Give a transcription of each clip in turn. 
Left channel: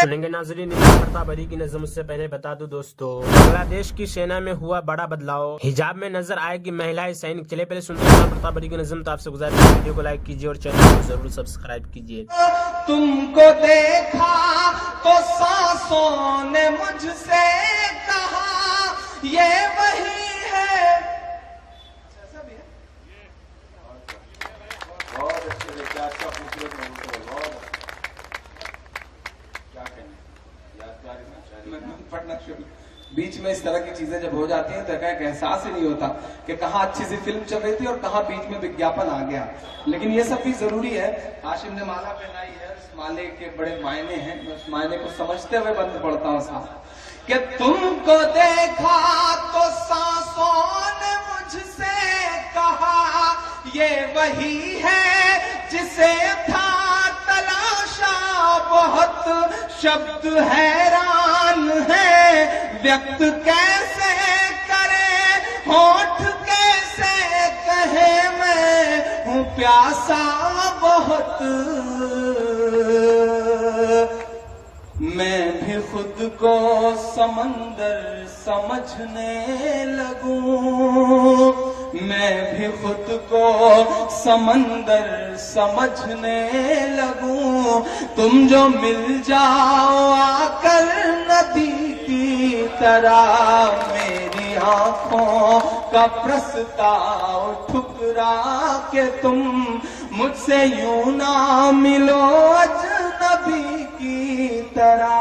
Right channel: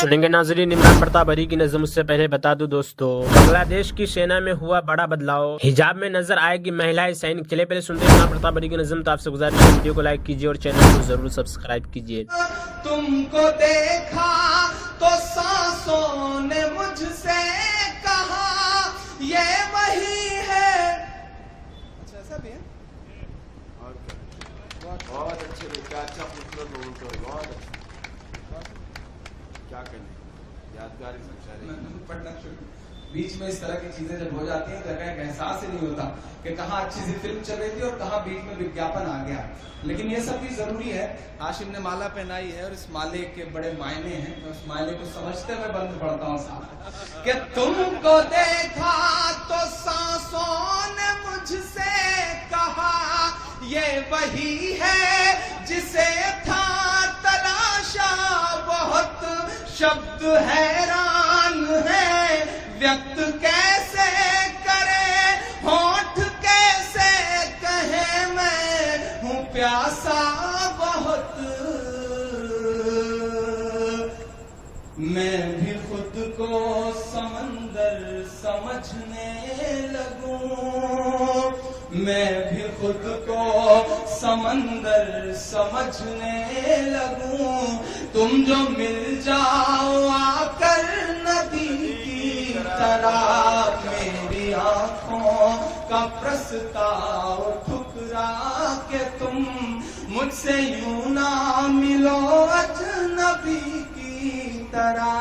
سنیں گے ناظرین عمران پرتاپ بری کی نظم. اس سے پہلے بتا دوں دوستو بنگلہ دیش کی سینا میں ہوا بڑا بدلاؤ, حجاب میں نظر آئے گی مہیلائیں سینک. چلے پہلے سنتے ہیں عمران پرتاپ بری کی نظم. تو آپ سے گزارش ہے ویڈیو کو لائک کیجیے اور چینل کو ضرور سبسکرائب کیجیے. تم کو دیکھا تو سانسوں نے مجھ سے کہا یہ وہی ہے. ایسا بھی ہے بہت اچھے لگتا ہے. بیچ میں اس طرح کی چیزیں جب ہو جاتی ہیں تو ایک احساس ہی نہیں ہوتا کہ کہاں اچھی سی فلم چل رہی تھی اور کہاں بیچ میں وگیاپن آ گیا. لیکن یہ سب بھی ضروری ہے. ہاشم نے مالا پہنائی ہے, اس مالے کے بڑے معنی ہیں. اس معنی کو سمجھتے ہوئے بات پڑھتا ہوں صاحب کہ تم کو دیکھا تو سانسوں نے مجھ سے کہا یہ وہی ہے جسے تھا تلاشا. بہت شبد حیران ہے ویکت کیسے کرے, ہونٹ کیسے کہے میں ہوں پیاسا بہت. میں بھی خود کو سمندر سمجھنے لگوں, میں بھی خود کو سمندر سمجھنے لگوں. تم جو مل جاؤ آ کر ندی کی طرح میری آنکھوں کا پرستاؤ ٹھکرا کہ تم مجھ سے یوں نہ ملو اجنبی کی طرح.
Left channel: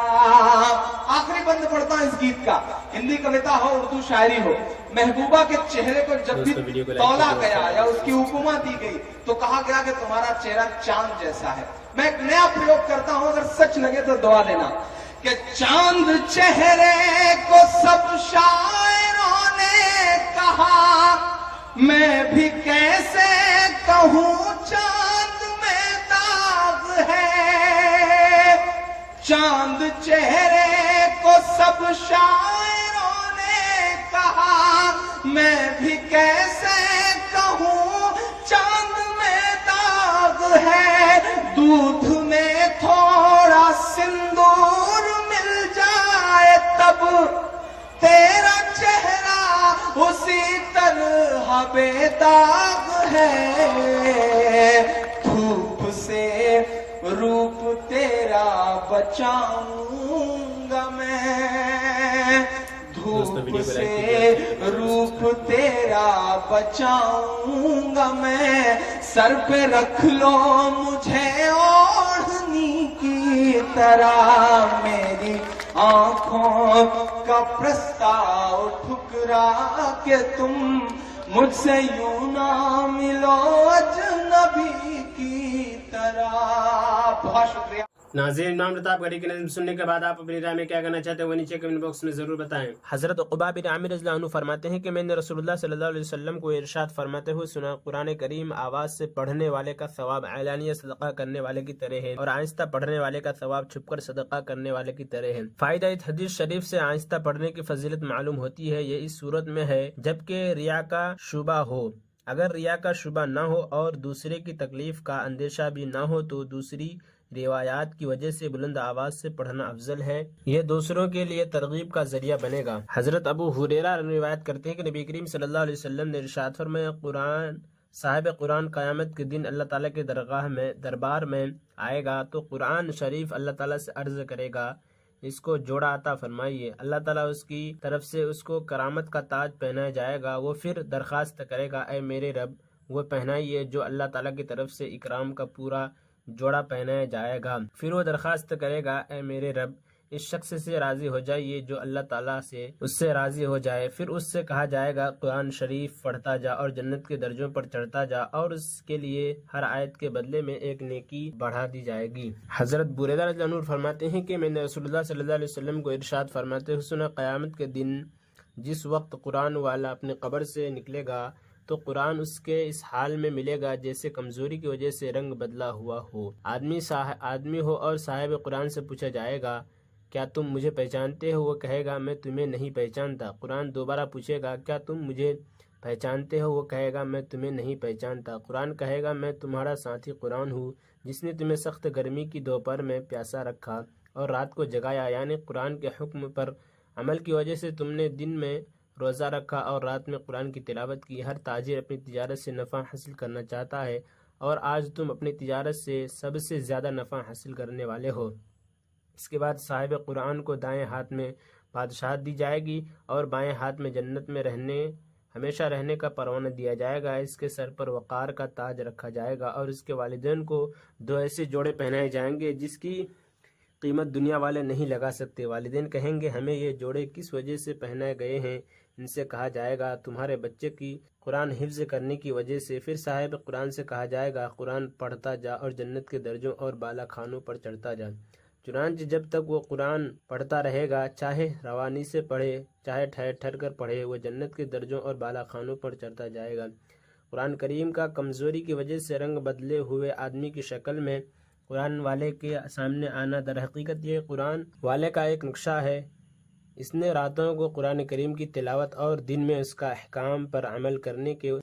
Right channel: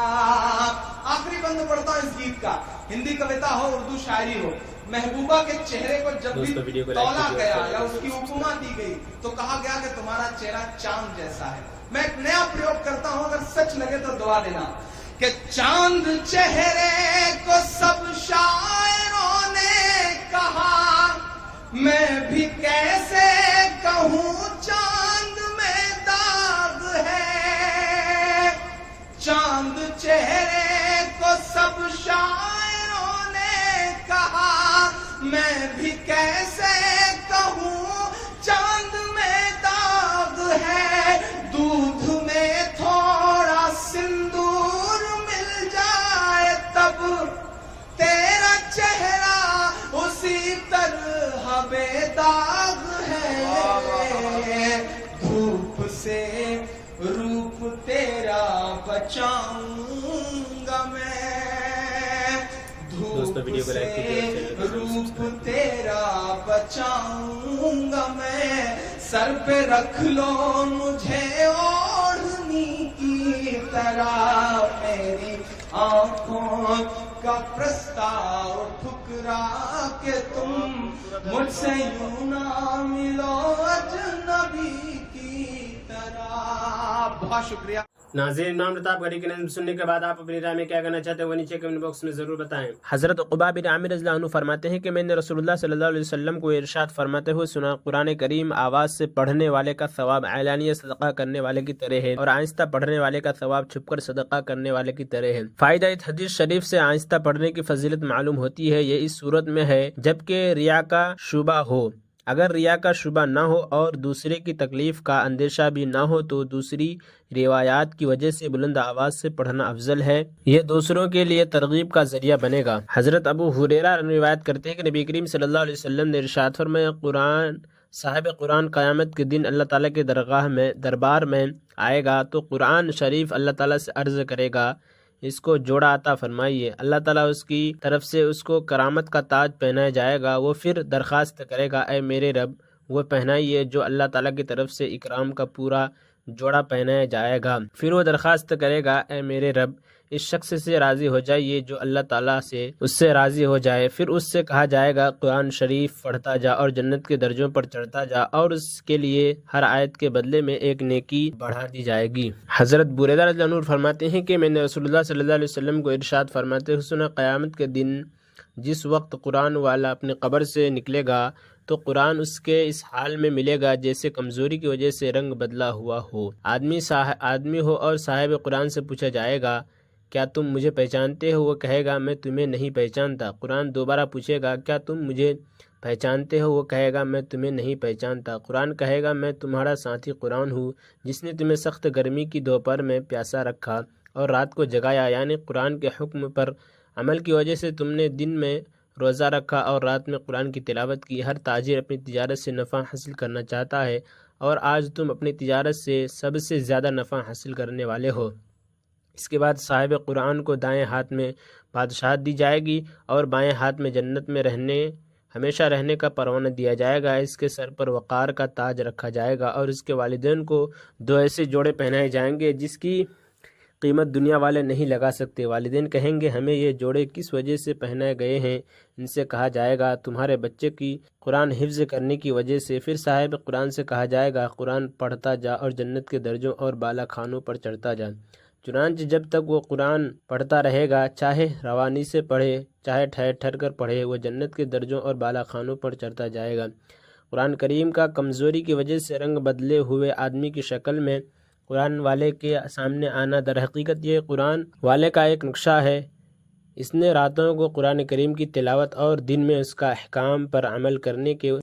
آخری بند پڑھتا ہوں اس گیت کا. ہندی کویتا ہو, اردو شاعری ہو. محبوبہ کے چہرے کو جب بھی تولا گیا یا اس کی اپما دی گئی تو کہا گیا کہ تمہارا چہرہ چاند جیسا ہے. میں ایک نیا پریوگ کرتا ہوں, اگر سچ لگے تو دعا دینا کہ چاند چہرے کو سب شاعروں نے کہا, میں بھی کیسے کہوں چاند میں داغ ہے. چاند چہرے کو سب شاعروں نے کہا, میں بھی کیسے کہوں چاند میں داغ ہے. دودھ میں تھوڑا سندور مل جائے تب تیرا چہرہ اسی طرح بے داغ ہے. دھوپ سے روپ تیرا بچاؤں گا میں, دھوپ سے روپ تیرا بچاؤں گا میں. سر پہ رکھ لو مجھے اوڑھنی کی طرح میری آنکھوں کا پرستاؤ ٹھکرا کہ تم مجھ سے یوں نہ ملو اجنبی کی طرح. بہت شکریہ. ناظرین عمران پرتاپ بری کی نظم سننے کے بعد آپ اپنی رائے میں کیا کہنا چاہتے ہیں وہ نیچے کمنٹ باکس میں ضرور بتائیں. حضرت عقبہ بن عامر رضی اللہ عنہ فرماتے ہیں کہ میں نے رسول اللہ صلی اللہ علیہ وسلم کو ارشاد فرماتے ہوئے سنا, قرآن کریم آواز سے پڑھنے والے کا ثواب اعلانیہ صدقہ کرنے والے کی طرح ہے اور آہستہ پڑھنے والے کا ثواب چھپ کر صدقہ کرنے والے کی طرح ہے. فائدہ اس حدیث شریف سے آہستہ پڑھنے کی فضیلت معلوم ہوتی ہے. یہ اس صورت میں ہے جبکہ ریا کا شبہ ہو. اگر ریا کا شبہ نہ ہو اور دوسرے کی تکلیف کا اندیشہ بھی نہ ہو تو دوسری روایات کی وجہ سے بلند آواز سے پڑھنا افضل ہے. یہ دوسروں کے لیے ترغیب کا ذریعہ بنے گا. حضرت ابو ہریرہ روایت کرتے ہیں کہ نبی کریم صلی اللہ علیہ وسلم نے ارشاد فرمایا, صاحب قرآن قیامت کے دن اللہ تعالیٰ کے دربار میں آئے گا تو قرآن شریف اللہ تعالیٰ سے عرض کرے گا, اس کو جوڑا عطا فرمائیے. اللہ تعالیٰ اس کی طرف سے اس کو کرامت کا تاج پہنایا جائے گا. وہ پھر درخواست کرے گا, اے میرے رب وہ پہنائیے جو اللہ تعالیٰ کی طرف سے اکرام کا پورا جوڑا پہنایا جائے گا. پھر وہ درخواست کرے گا, اے میرے رب اس شخص سے راضی ہو جائیے جو اللہ تعالیٰ سے اس سے راضی ہو جائے. پھر اس سے کہا جائے گا, قرآن شریف پڑھتا جا اور جنت کے درجوں پر چڑھتا جا, اور اس کے لیے ہر آیت کے بدلے میں ایک نیکی بڑھا دی جائے گی. حضرت بریدہ رضی اللہ عنہ فرماتے ہیں کہ میں نے رسول اللہ صلی اللہ علیہ وسلم کو ارشاد فرماتے ہوئے سنا, قیامت کے دن جس وقت قرآن والا اپنی قبر سے نکلے گا تو قرآن اس کے اس حال میں ملے گا جیسے کمزوری کی وجہ سے رنگ بدلا ہوا ہو. آدمی ہو اور صاحب قرآن سے پوچھا جائے گا, کیا تم مجھے پہچانتے ہو؟ وہ کہے گا, میں تمہیں نہیں پہچانتا. قرآن دوبارہ پوچھے گا, کیا تم مجھے پہچانتے ہو؟ وہ کہے گا, میں تمہیں نہیں پہچانتا. قرآن کہے گا, میں تمہارا ساتھی قرآن ہوں جس نے تمہیں سخت گرمی کی دوپہر میں پیاسا رکھا اور رات کو جگایا، یعنی قرآن کے حکم پر عمل کی وجہ سے تم نے دن میں روزہ رکھا اور رات میں قرآن کی تلاوت کی۔ ہر تاجر اپنی تجارت سے نفع حاصل کرنا چاہتا ہے اور آج تم اپنی تجارت سے سب سے زیادہ نفع حاصل کرنے والے ہو۔ اس کے بعد صاحب قرآن کو دائیں ہاتھ میں بادشاہت دی جائے گی اور بائیں ہاتھ میں جنت میں ہمیشہ رہنے کا پروانہ دیا جائے گا۔ اس کے سر پر وقار کا تاج رکھا جائے گا اور اس کے والدین کو 2 ایسے جوڑے پہنائے جائیں گے جس کی قیمت دنیا والے نہیں لگا سکتے۔ والدین کہیں گے ہمیں یہ جوڑے کس وجہ سے پہنائے گئے ہیں؟ ان سے کہا جائے گا تمہارے بچے کی قرآن حفظ کرنے کی وجہ سے۔ پھر صاحب قرآن سے کہا جائے گا قرآن پڑھتا جا اور جنت کے درجوں اور بالا خانوں پر چڑھتا جا۔ چنانچہ جب تک وہ قرآن پڑھتا رہے گا، چاہے روانی سے پڑھے چاہے ٹھہر ٹھہر کر پڑھے، وہ جنت کے درجوں اور بالا خانوں پر چڑھتا جائے گا۔ قرآن کریم کا کمزوری کی وجہ سے رنگ بدلے ہوئے آدمی کی شکل میں قرآن والے کے سامنے آنا در حقیقت یہ قرآن والے کا ایک نقشہ ہے۔ اس نے راتوں کو قرآن کریم کی تلاوت اور دن میں اس کا احکام پر عمل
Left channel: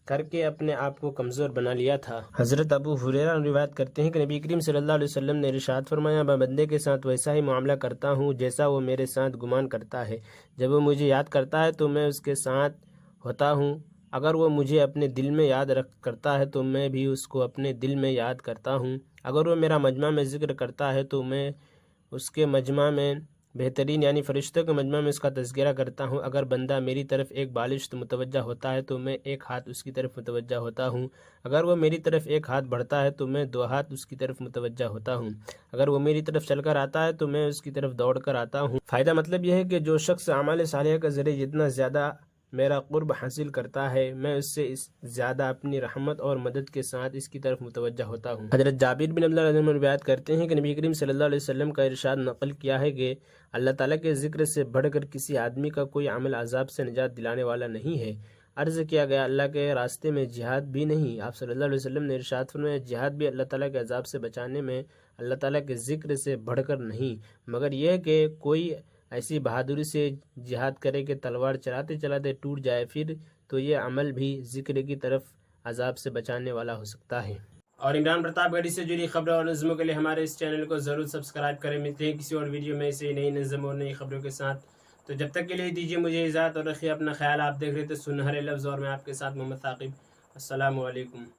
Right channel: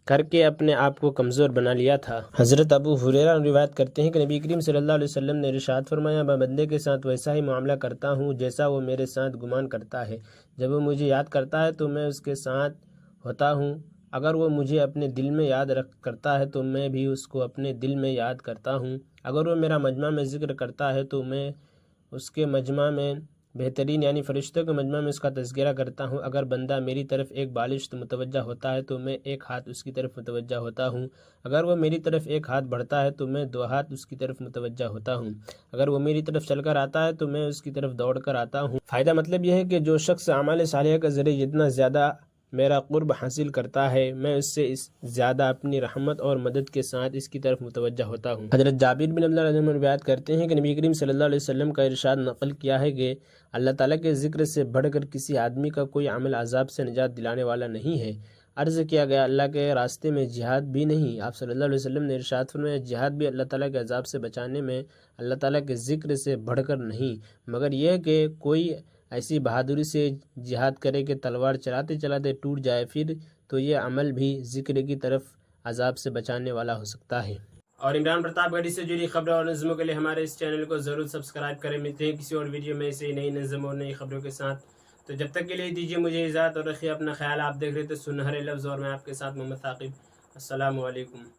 کر کے اپنے آپ کو کمزور بنا لیا تھا۔ حضرت ابو ہریرہ روایت کرتے ہیں کہ نبی کریم صلی اللہ علیہ وسلم نے ارشاد فرمایا میں بندے کے ساتھ ویسا ہی معاملہ کرتا ہوں جیسا وہ میرے ساتھ گمان کرتا ہے۔ جب وہ مجھے یاد کرتا ہے تو میں اس کے ساتھ ہوتا ہوں، اگر وہ مجھے اپنے دل میں یاد کرتا ہے تو میں بھی اس کو اپنے دل میں یاد کرتا ہوں۔ اگر وہ میرا مجمع میں ذکر کرتا ہے تو میں اس کے مجمع میں بہترین یعنی فرشتوں کے مجمع میں اس کا تذکرہ کرتا ہوں۔ اگر بندہ میری طرف ایک بالشت متوجہ ہوتا ہے تو میں ایک ہاتھ اس کی طرف متوجہ ہوتا ہوں۔ اگر وہ میری طرف ایک ہاتھ بڑھتا ہے تو میں 2 ہاتھ اس کی طرف متوجہ ہوتا ہوں۔ اگر وہ میری طرف چل کر آتا ہے تو میں اس کی طرف دوڑ کر آتا ہوں۔ فائدہ مطلب یہ ہے کہ جو شخص اعمال صالحہ کے ذریعے جتنا زیادہ میرا قرب حاصل کرتا ہے، میں اس سے زیادہ اپنی رحمت اور مدد کے ساتھ اس کی طرف متوجہ ہوتا ہوں۔ حضرت جابر بن عبداللہ رضی اللہ عنہ روایت کرتے ہیں کہ نبی کریم صلی اللہ علیہ وسلم کا ارشاد نقل کیا ہے کہ اللہ تعالیٰ کے ذکر سے بڑھ کر کسی آدمی کا کوئی عمل عذاب سے نجات دلانے والا نہیں ہے۔ عرض کیا گیا اللہ کے راستے میں جہاد بھی نہیں؟ آپ صلی اللہ علیہ وسلم نے ارشاد فرمایا جہاد بھی اللہ تعالیٰ کے عذاب سے بچانے میں اللہ تعالیٰ کے ذکر سے بڑھ کر نہیں، مگر یہ کہ کوئی ایسی بہادری سے جہاد کرے کہ تلوار چلاتے چلاتے ٹوٹ جائے، پھر تو یہ عمل بھی ذکر کی طرف عذاب سے بچانے والا ہو سکتا ہے۔ اور عمران پرتاپ گڑھی سے جڑی خبروں اور نظموں کے لیے ہمارے اس چینل کو ضرور سبسکرائب کریں۔ ملتے ہیں کسی اور ویڈیو میں ایسے نئی نظم اور نئی خبروں کے ساتھ، تو جب تک کے لیے دیجیے مجھے اجازت اور رکھیے اپنا خیال۔ آپ دیکھ رہے تھے سنہرے لفظ اور میں آپ کے ساتھ محمد ثاقب۔ السلام علیکم۔